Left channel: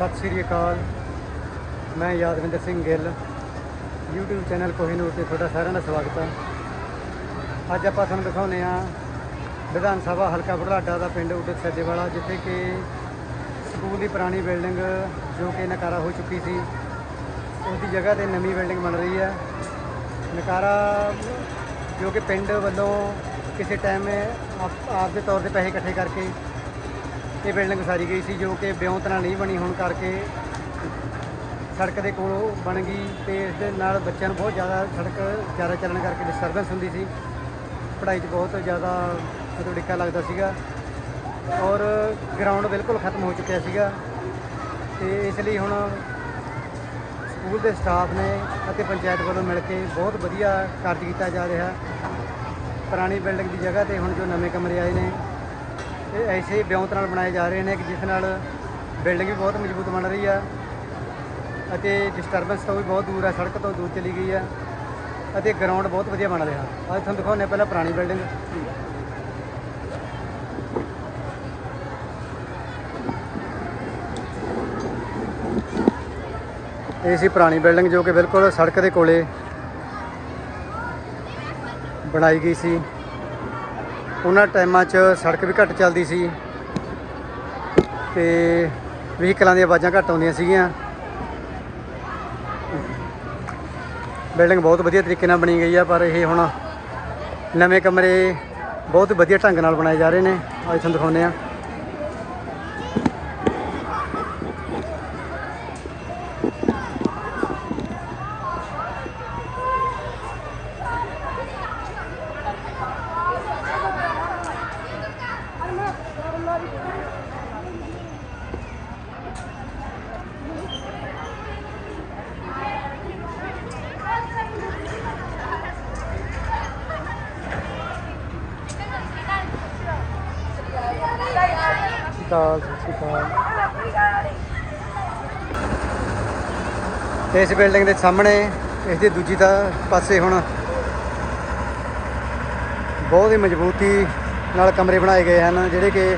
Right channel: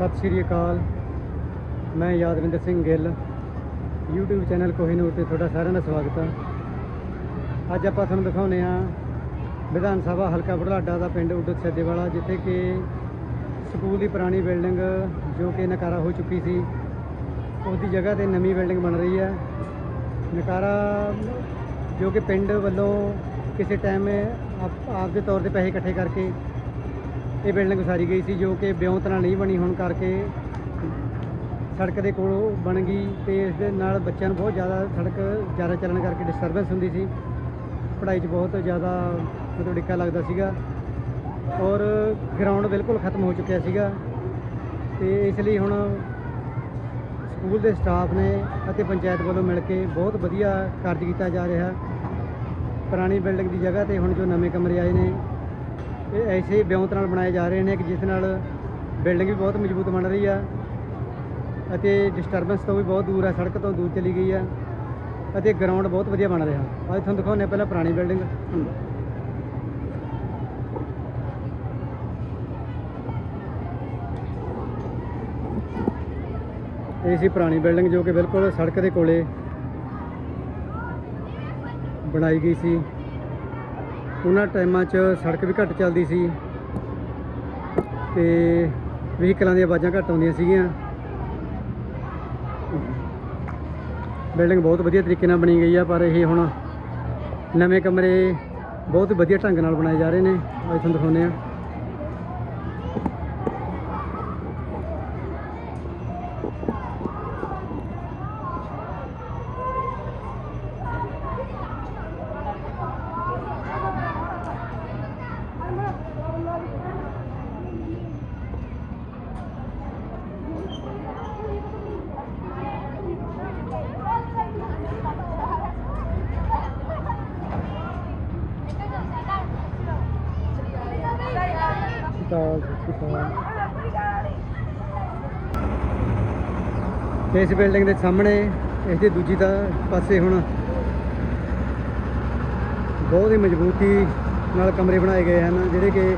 ਸਤਿ ਸ਼੍ਰੀ ਅਕਾਲ। ਮੈਂ ਯਾਦਵਿੰਦਰ ਸਿੰਘ ਗਿੱਲ। YouTube ਚੈਨਲ ਕੋਹੀਨੂਰ ਤੇ ਤੁਹਾਡਾ ਸਾਰਿਆਂ ਦਾ ਸਵਾਗਤ ਹੈ। ਅੱਜ ਆਪਾਂ ਤੁਹਾਨੂੰ ਦਿਖਾਉਂਦੇ ਹਾਂ ਵਿਧਾਨ ਸਭਾ ਹਲਕਾ ਬੁਢਲਾਡਾ ਦਾ ਪਿੰਡ ਉਡਤ ਸੱਜੇਵਾਲਾ ਜਿੱਥੇ ਕਿ ਸਕੂਲ ਦੀ ਪੁਰਾਣੀ ਬਿਲਡਿੰਗ ਜੋ ਕਿ ਨਕਾਰਾ ਹੋ ਚੁੱਕੀ ਸੀ, ਉਹਦੀ ਜਗ੍ਹਾ ਤੇ ਨਵੀਂ ਬਿਲਡਿੰਗ ਬਣ ਰਹੀ ਹੈ। ਨਕਾਰਾ ਜੋ ਕਿ ਪਿੰਡ ਵੱਲੋਂ ਕਿਸੇ ਟਾਈਮ ਆਪ ਆਪ ਦੇ ਤੌਰ ਤੇ ਪੈਸੇ ਇਕੱਠੇ ਕਰਕੇ ਇਹ ਬਿਲਡਿੰਗ ਉਸਾਰੀ ਗਈ ਸੀ ਜੋ ਕਿ ਬਿਉਂਤ ਨਾਲ ਨਹੀਂ ਬਣੀ, ਹੋਣ ਕਰਕੇ ਸੜਕ ਦੇ ਕੋਲੋਂ ਬਣ ਗਈ ਤੇ ਇਸ ਦੇ ਨਾਲ ਬੱਚਿਆਂ ਨੂੰ ਬਹੁਤ ਜ਼ਿਆਦਾ ਸੜਕ ਜ਼ਿਆਦਾ ਚੱਲਣ ਕਰਕੇ ਡਿਸਟਰਬੈਂਸ ਹੁੰਦੀ ਸੀ। ਪੜ੍ਹਾਈ 'ਚ ਬਹੁਤ ਜ਼ਿਆਦਾ ਮਤਲਬ ਡਿੱਕਾ ਲੱਗਦਾ ਸੀਗਾ ਔਰ ਗਰਾਊਂਡ ਬਿਲਕੁਲ ਖਤਮ ਹੋ ਚੁੱਕਿਆ ਸੀਗਾ ਤੇ ਇਸ ਲਈ ਹੁਣ ਸਕੂਲ ਦੇ ਸਟਾਫ ਨੇ ਅਤੇ ਪੰਚਾਇਤ ਵੱਲੋਂ ਮਿਲ ਕੇ ਬਹੁਤ ਵਧੀਆ ਕਾਰਜ ਕੀਤਾ ਜਾ ਰਿਹਾ। ਪੁਰਾਣੀ ਬਿਲਡਿੰਗ ਦੀ ਜਗ੍ਹਾ ਤੇ ਹੁਣ ਜੋ ਨਵੇਂ ਕਮਰੇ ਆਏ ਨੇ ਇਹ ਐਸੇ ਬਿਉਂਤ ਨਾਲ ਬਣਾਏ ਜਾ ਰਹੇ ਨੇ ਕਿ ਜਿਸ ਨਾਲ ਬਿਲਡਿੰਗ ਵੀ ਬਹੁਤ ਮਜ਼ਬੂਤ ਬਣ ਰਹੀ ਆ ਅਤੇ ਡਿਸਟਰਬੈਂਸ ਤੋਂ ਵੀ ਬਹੁਤ ਦੂਰ ਆ, ਸੜਕ ਤੋਂ ਦੂਰ ਚਲੀ ਗਈ ਆ ਅਤੇ ਗਰਾਊਂਡ ਬਹੁਤ ਵਧੀਆ ਬਣ ਰਿਹਾ। ਅੱਜ ਤੁਹਾਨੂੰ ਦਿਖਾਉਂਦੇ ਹਾਂ ਪਹਿਲਾਂ ਪੁਰਾਣੀ ਬਿਲਡਿੰਗ। ਇਹ ਸੀ ਪੁਰਾਣੀ ਬਿਲਡਿੰਗ ਜੋ ਕਿ ਬਿਲਕੁਲ ਸੜਕ ਦੇ ਕੋਲੇ ਬਣਾਈ ਗਈ ਸੀ। ਉਹਨਾਂ ਟਾਈਮਾਂ 'ਚ ਸੜਕ ਵੀ ਘੱਟ ਚੱਲਦੀ ਸੀ ਤੇ ਵਹੀਕਲਾਂ ਦੀਆਂ ਆਵਾਜ਼ਾਂ ਘੱਟ ਆਉਂਦੀਆਂ ਸੀਗੀਆਂ। ਬਿਲਡਿੰਗ ਬਹੁਤ ਵਧੀਆ ਤਰੀਕੇ ਨਾਲ ਬਣੀ ਗਈ ਆ, ਪਰ ਇਹ ਹੁਣ ਨਵੇਂ ਕਮਰੇ ਬਹੁਤ ਵਧੀਆ ਢੰਗ ਨਾਲ ਬਣਾਏ ਜਾ ਰਹੇ ਨੇ। ਅੱਜ ਤੁਹਾਨੂੰ ਦਿਖਾਉਂਦੇ ਆ ਅਕਾਲ, ਸਤਿ ਸ਼੍ਰੀ ਅਕਾਲ। ਇਸ ਬਿਲਡਿੰਗ ਦੇ ਸਾਹਮਣੇ, ਇਸ ਦੀ ਦੂਜੀ ਦਾ ਪਾਸੇ ਹੁਣ ਬਹੁਤ ਹੀ ਮਜ਼ਬੂਤੀ ਨਾਲ ਕਮਰੇ ਬਣਾਏ ਗਏ ਹਨ, ਜਿਹੜੇ ਕਿ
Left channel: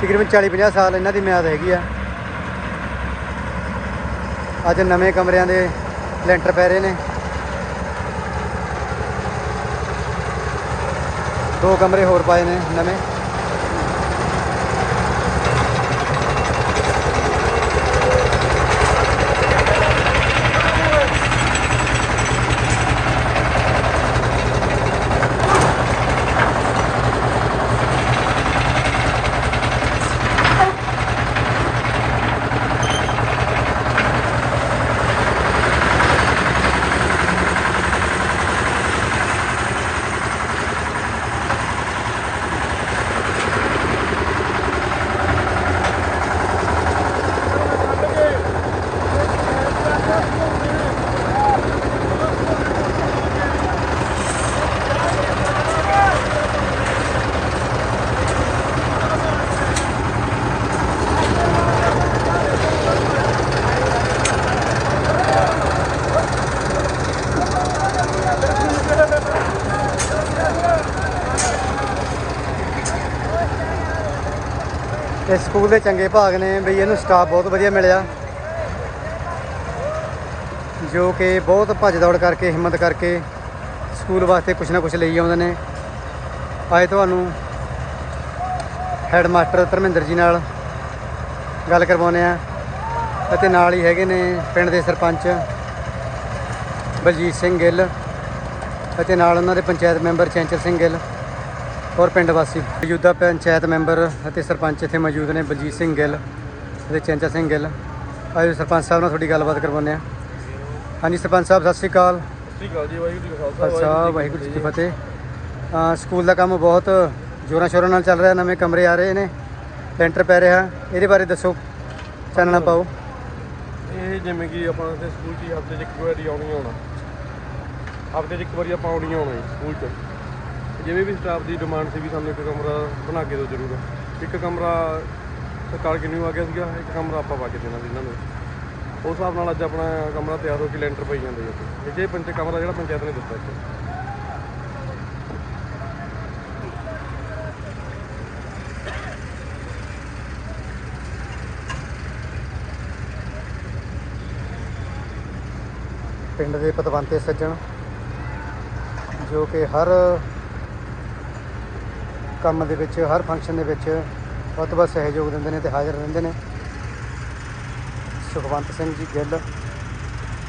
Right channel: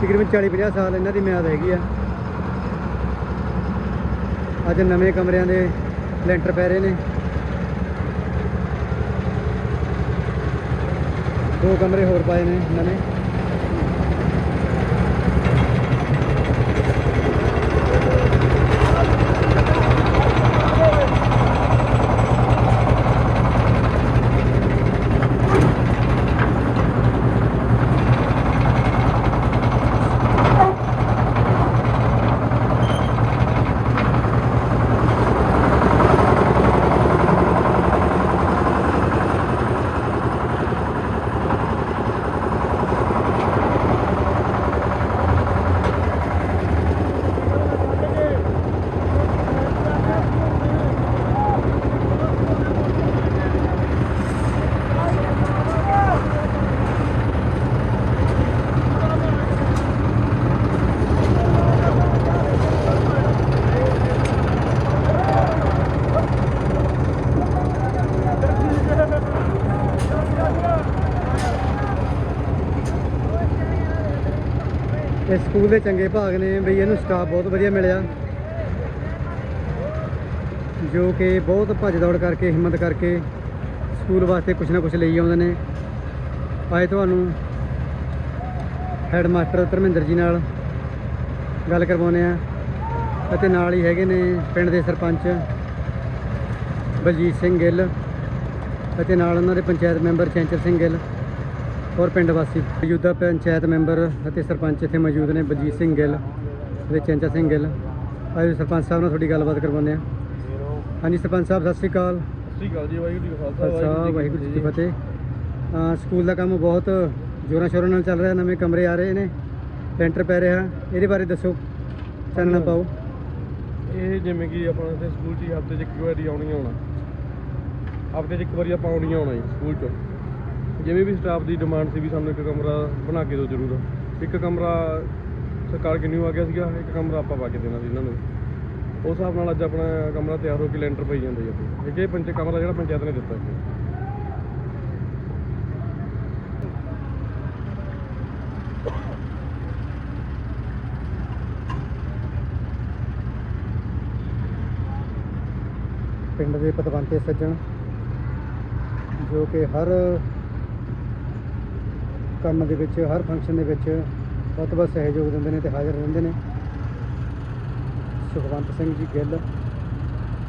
ਤਕਰੀਬਨ 40 50 ਸਾਲ ਇਹਨਾਂ ਦੀ ਮਿਆਦ ਹੈਗੀ ਆ। ਅੱਜ ਨਵੇਂ ਕਮਰਿਆਂ ਦੇ ਲੈਂਟਰ ਪੈ ਰਹੇ ਨੇ। ਦੋ ਕਮਰੇ ਹੋਰ ਪਾਏ ਨੇ ਨਵੇਂ। ਤੇ ਸਕੂਲ ਦੇ ਚੰਗੇ ਭਾਗ ਨੇ ਬਈ ਇਹਨੂੰ ਸਟਾਫ ਬਹੁਤ ਵਧੀਆ ਮਿਲਿਆ। ਜੋ ਕਿ ਬਹੁਤ ਭੱਜ ਦੌੜ ਕਰਕੇ, ਹਿੰਮਤ ਕਰਕੇ ਸਕੂਲ ਵਾਸਤੇ ਕੁਝ ਨਾ ਕੁਝ ਲਈ ਆਉਂਦੇ ਨੇ। ਅੱਜ ਤੁਹਾਨੂੰ ਹੈਡ ਮਾਸਟਰ ਧਰਮਿੰਦਰ ਜੀ ਨਾਲ ਗੱਲ ਕਰਵਾਉਂਦੇ ਆ ਅਤੇ ਨਾਲ ਹੀ ਹੈਗੇ ਨੇ ਪਿੰਡ ਦੇ ਸਰਪੰਚ ਬਲਜੀਤ ਸਿੰਘ ਗਿੱਲ ਅਤੇ ਨਾਲ ਉਹਨਾਂ ਦੇ ਪੰਚਾਇਤ ਮੈਂਬਰ ਚੈਂਚਲ ਸਿੰਘ ਗਿੱਲ। ਔਰ ਪਿੰਡ ਵਾਸੀ। ਮੌਜੂਦਾ ਪੰਚਾਇਤ ਮੈਂਬਰ ਅਤੇ ਸਰਪੰਚ ਇੱਥੇ ਮੌਜੂਦ ਨੇ, ਬਲਜੀਤ ਸਿੰਘ ਗਿੱਲ ਅਤੇ ਚੰਚਾ ਸਿੰਘ ਗਿੱਲ। ਆਜੋ ਸਰਪੰਚ ਸਾਹਿਬ ਨਾਲ ਤੁਹਾਡੀ ਗੱਲਬਾਤ ਕਰਵਾਉਂਦੇ ਆ ਹਾਂਜੀ, ਸਰਪੰਚ ਸਾਹਿਬ, ਸਤਿ ਸ਼੍ਰੀ ਅਕਾਲ। ਸ੍ਰੀ ਅਕਾਲ ਜੀ ਵਾਹਿਗੁਰੂ ਜੀ ਕਾ ਖਾਲਸਾ, ਵਾਹਿਗੁਰੂ ਜੀ ਕੀ ਫਤਿਹ। ਸਕੂਲ ਦਾ ਕੰਮ ਬਹੁਤ ਜੋਰਾਂ ਸ਼ੋਰਾਂ ਨਾਲ ਚੱਲ ਰਿਹਾ, ਨਵੇਂ ਕਮਰੇ ਆ ਰਹੇ ਨੇ, ਲੈਂਟਰ ਪੈ ਰਿਹਾ। ਇਹਦੇ ਬਾਰੇ ਦੱਸੋ, ਚਾਨਣਾ ਪਾਓ। ਇਹ ਜਿਵੇਂ ਕਿ ਆਪਾਂ ਇੱਥੇ ਸਕੂਲ 'ਚ ਹਫ਼ਤੇ 'ਚ ਇੱਕ ਵਾਰੀ ਆਉਣੀ ਆਉਣਾ। ਹਫ਼ਤੇ 'ਚ ਇੱਕ ਵਾਰੀ ਆਪਾਂ ਆਉਣੀ ਆਉਣਾ ਜੀ, ਸਕੂਲ 'ਚ। ਜਿਵੇਂ ਵੀ ਸਟਾਫ ਦੀ ਡਿਮਾਂਡ ਸੀ ਵੀ ਸਾਨੂੰ ਇੱਕ ਕਮਰਾ ਬਣਾ ਕੇ ਦਿਓ ਜ਼ਰੂਰ। ਇੱਕ ਕਮਰਾ ਸਰਕਾਰ ਕਿੰਨੂ ਆ ਗਿਆ ਸੀਗਾ, ਇੱਕ ਕਮਰਾ ਆਪਾਂ ਪਾ ਕੇ ਦੇਣਾ ਸੀ ਇਹਨਾਂ ਨੂੰ। ਉਸ ਹਿਸਾਬ ਨਾਲ ਅੱਜ ਆਪਣਾ ਕਮਰਾ ਤਿਆਰ ਹੋ ਕੇ ਲੈਂਟਰ ਪਈ ਜਾਂਦਾ ਜੀ ਇੱਥੇ। ਇਹ ਜੇ ਪੰਚ ਕਮਰਾ ਜਿਹੜਾ ਪੰਚਾਇਤ ਨੇ ਦਿੱਤਾ ਇੱਥੇ। ਪਿੰਡ ਦੇ ਪਤਵੰਤੇ ਸੱਜਣ, ਜੋ ਕਿ ਹਰ ਕੰਮ ਦੇ ਵਿੱਚ, ਹਰ ਫੰਕਸ਼ਨ ਦੇ ਵਿੱਚ ਬਹੁਤ ਬਹੁਤ ਸਹਿਯੋਗ ਦਿੰਦੇ ਨੇ ਤੇ ਹਾਜ਼ਰ ਰਹਿੰਦੇ ਨੇ। ਸੁਖਵੰਤ ਸਿੰਘ ਜੀ ਗਿੱਲ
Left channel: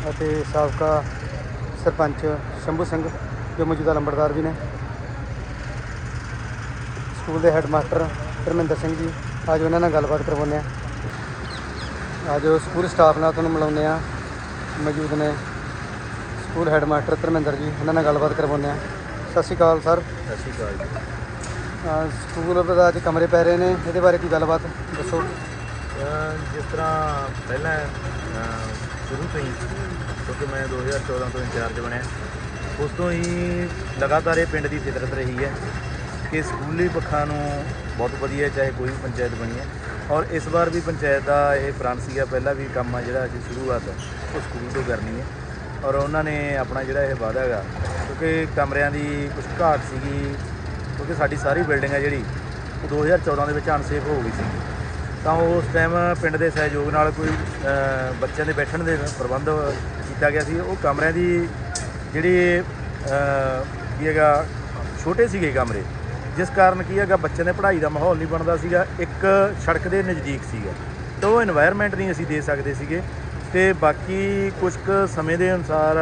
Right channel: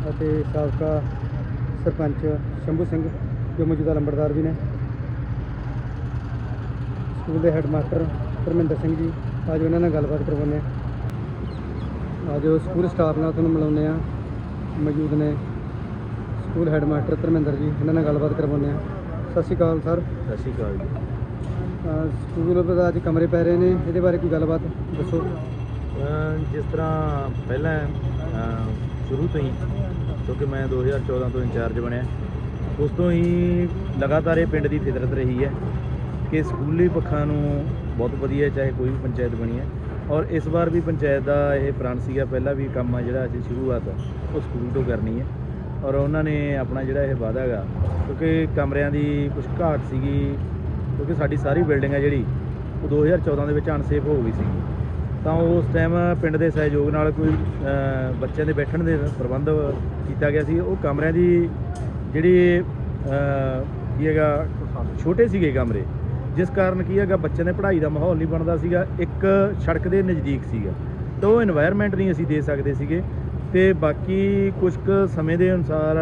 ਅਤੇ ਸਾਬਕਾ ਸਰਪੰਚ ਸ਼ੰਭੂ ਸਿੰਘ, ਜੋ ਮੌਜੂਦਾ ਲੰਬੜਦਾਰ ਵੀ ਨੇ। ਸਕੂਲ ਦੇ ਹੈੱਡਮਾਸਟਰ ਧਰਮਿੰਦਰ ਸਿੰਘ ਜੀ ਅੱਜ ਉਹਨਾਂ ਨਾਲ ਗੱਲਬਾਤ ਕਰਵਾਉਂਦੇ ਆ ਅੱਜ ਸਕੂਲ ਸਟਾਫ ਨਾਲ ਤੁਹਾਨੂੰ ਮਿਲਾਉਂਦੇ ਆ ਮੌਜੂਦ ਨੇ ਸਕੂਲ ਹੈੱਡਮਾਸਟਰ ਧਰਮਿੰਦਰ ਜੀ, ਇਹਨਾਂ ਨਾਲ ਗੱਲਬਾਤ ਕਰਵਾਉਂਦੇ ਆ ਸਤਿ ਸ਼੍ਰੀ ਅਕਾਲ, ਸਰ। ਸਤਿ ਸ਼੍ਰੀ ਅਕਾਲ ਜੀ। ਸਕੂਲ ਦਾ ਅੱਜ ਕਮਰੇ ਪੈ ਰਹੇ ਨੇ, ਇਹਦੇ ਬਾਰੇ ਕੋਈ ਗੱਲਬਾਤ ਦੱਸੋ। ਜਿਸ ਤਰ੍ਹਾਂ ਪਹਿਲਾਂ ਸ਼ੁਰੂ ਤੋਂ ਹੀ, ਕਿਉਂਕਿ ਮੈਂ 2014 ਤੋਂ ਇੰਚਾਰਜ ਬਣਿਆ, ਉਸ ਤੋਂ ਹੀ ਲਗਾਤਾਰ ਇਹ ਪਿੰਡ ਦੀ ਫਿਤਰਤ ਰਹੀ ਹੈ ਕਿ ਸਕੂਲੀ ਪੱਖਾਂ ਨੂੰ ਬਹੁਤ ਵਧੀਆ ਚਾਹੇ ਕੋਈ ਵੀ ਪੰਚਾਇਤ ਬਣੀ ਹੈ। ਔਰ ਇਸ ਵਾਰ ਵੀ ਪੰਚਾਇਤ ਦਾ ਇਹ ਪ੍ਰਣ ਸੀਗਾ, ਪਹਿਲਾਂ ਵੀ ਕੰਮ ਆ ਜਿਹੜਾ ਅਸੀਂ ਸ਼ੁਰੂਆਤ ਉਹ ਸਕੂਲ ਤੋਂ ਕਰਨੀ ਹੈ। ਔਰ ਉਹਨਾਂ ਨੇ ਆਪਣਾ ਜਿਹੜਾ ਇਹ ਵਾਅਦਾ ਹੈਗਾ, ਕਿਉਂਕਿ ਕਮਰਿਆਂ ਦੀ ਕੁਝ ਘਾਟ ਸੀਗੀ ਕਿਉਂਕਿ ਸਾਡੀ ਸਾਰੀ ਬਿਲਡਿੰਗ ਹੈ ਜਿਹੜੀ, ਉਹ 2014 ਦੇ ਵਿੱਚ ਅਨਸੇਫ ਹੋ ਗਈ ਸੀ ਤਾਂ ਉਸ ਟਾਈਮ ਪਿੰਡ ਦੇ ਸਹਿਯੋਗ ਨਾਲ ਕੋਈ ਬੱਚਿਆਂ ਦੇ ਬੈਠਣ ਦੇ ਪ੍ਰਬੰਧ ਕੀਤਾ ਗਿਆ ਸੀ। ਉਹ ਕਮਰਿਆਂ ਦੀ ਜਿਹੜੀ ਕੀ ਹੈਗਾ, ਛੋਟੇ ਸੀਗੇ ਕਮਰੇ। ਜਿਸ ਕਾਰਨ ਕੀ ਹੈਗਾ, ਬੱਚਿਆਂ ਦੇ ਪੜ੍ਹਾਈ ਦਾ ਮਾਹੌਲ ਨਹੀਂ ਬਣਦਾ ਸੀਗਾ। ਇੱਕ ਸੜਕ ਦੇ ਨਜ਼ਦੀਕ ਸੀਗਾ। ਤਾਂ ਉਹ এনवायरमेंट ਨਹੀਂ ਅਸੀਂ ਦੇ ਸਕਦੇ ਸੀਗੇ। ਤੇ ਬਾਕੀ ਕੁਝ ਕੁ ਸਮੇਂ ਦੇ ਅਨੁਸਾਰ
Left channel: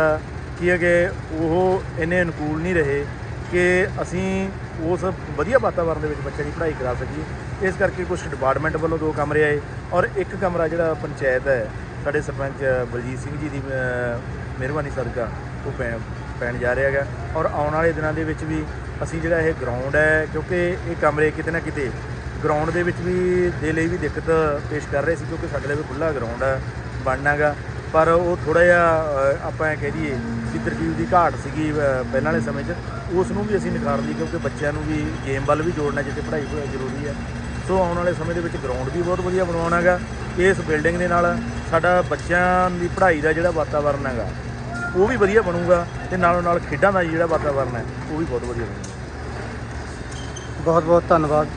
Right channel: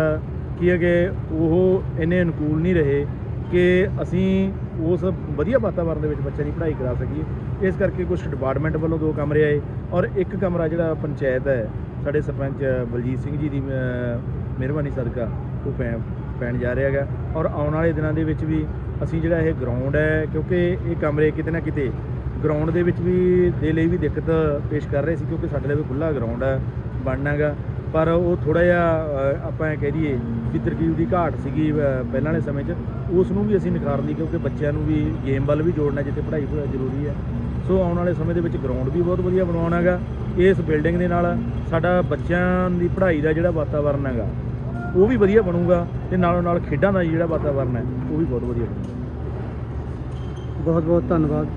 ਕੀ ਹੈਗੇ, ਉਹ ਇਹਨੇ ਅਨੁਕੂਲ ਨਹੀਂ ਰਹੇ। ਕਿ ਅਸੀਂ ਉਸ ਵਧੀਆ ਵਾਤਾਵਰਣ ਦੇ ਵਿੱਚ ਬੱਚਿਆਂ ਦੀ ਪੜ੍ਹਾਈ ਕਰਾ ਸਕੀਏ। ਇਸ ਕਰਕੇ ਕੁਝ ਡਿਪਾਰਟਮੈਂਟ ਵੱਲੋਂ ਦੋ ਕਮਰੇ ਆਏ ਔਰ ਇੱਕ ਕਮਰਾ ਜਿਹੜਾ ਪੰਚਾਇਤ ਹੈ, ਸਾਡੇ ਸਰਪੰਚ ਬਲਜੀਤ ਸਿੰਘ ਜੀ ਦੀ ਮਿਹਰਬਾਨੀ ਸਦਕਾ ਉਹ ਪੈ- ਪੈਣ ਜਾ ਰਿਹਾ ਹੈਗਾ। ਔਰ ਆਉਣ ਵਾਲੇ ਦਿਨਾਂ ਦੇ ਵਿੱਚ ਵੀ ਅਸੀਂ ਜਿਹੜਾ ਇਹ ਗਰਾਊਂਡ ਹੈ, ਕਿਉਂਕਿ ਇਹ ਕਮਰੇ ਕਿਤੇ ਨਾ ਕਿਤੇ ਗਰਾਊਂਡ ਦੇ ਵਿੱਚ ਵੀ ਦੇ ਲਈ ਵੀ ਦਿੱਕਤ ਪੇਸ਼ ਕਰ ਰਹੇ ਸੀ, ਕਿਉਂਕਿ ਸਾਡੇ ਲਈ ਵੀ ਖੁੱਲਾ ਗਰਾਊਂਡ ਹੈ ਬਣਨਾਗਾ। ਪਰ ਉਹ ਥੋੜਾ ਜਿਹਾ ਆਪਾਂ ਇਹ ਕਹਿ ਦਈਏ ਵੀ ਤਰਕੀਬ ਦੀ ਘਾਟ ਸੀਗੀ ਪਹਿਲਾਂ ਵਾਲੇ ਸਮੇਂ 'ਚ। ਉਸ ਨੂੰ ਵੀ ਅਸੀਂ ਨਿਖਾਰ ਲਈ ਕਿਉਂਕਿ ਬੱਚਿਆਂ ਨੂੰ ਵੀ ਗੇਮ ਵੱਲ ਵੀ ਜੋੜਨਾ ਜਿੱਥੇ ਪੜ੍ਹਾਈ ਜ਼ਰੂਰੀ ਹੈ। ਸੋ ਆਉਣ ਵਾਲੇ ਸਮੇਂ ਦੇ ਵਿੱਚ ਗਰਾਊਂਡ ਵੀ ਬਹੁਤ ਵਧੀਆ ਬਣਾਉਣਾ ਹੈਗਾ। ਇਸ ਬਿਲਡਿੰਗ ਦੇ ਨਾਲ ਸਾਡਾ ਬੱਚਿਆਂ ਦੀ ਪੜ੍ਹਾਈ ਦਾ ਜਿਹੜਾ ਵਾਤਾਵਰਨ ਹੈਗਾ, ਉਹ ਵੀ ਵਧੀਆ ਬਣੂਗਾ ਤੇ ਨਾਲੋਂ ਨਾਲ ਖੇਡਾਂ ਦਾ ਜਿਹੜਾ ਵਾਤਾਵਰਨ ਹੈ, ਉਹ ਵੀ ਬਹੁਤ ਵਧੀਆ ਬਣੂਗਾ। ਬਹੁਤ ਬਹੁਤ ਧੰਨਵਾਦ।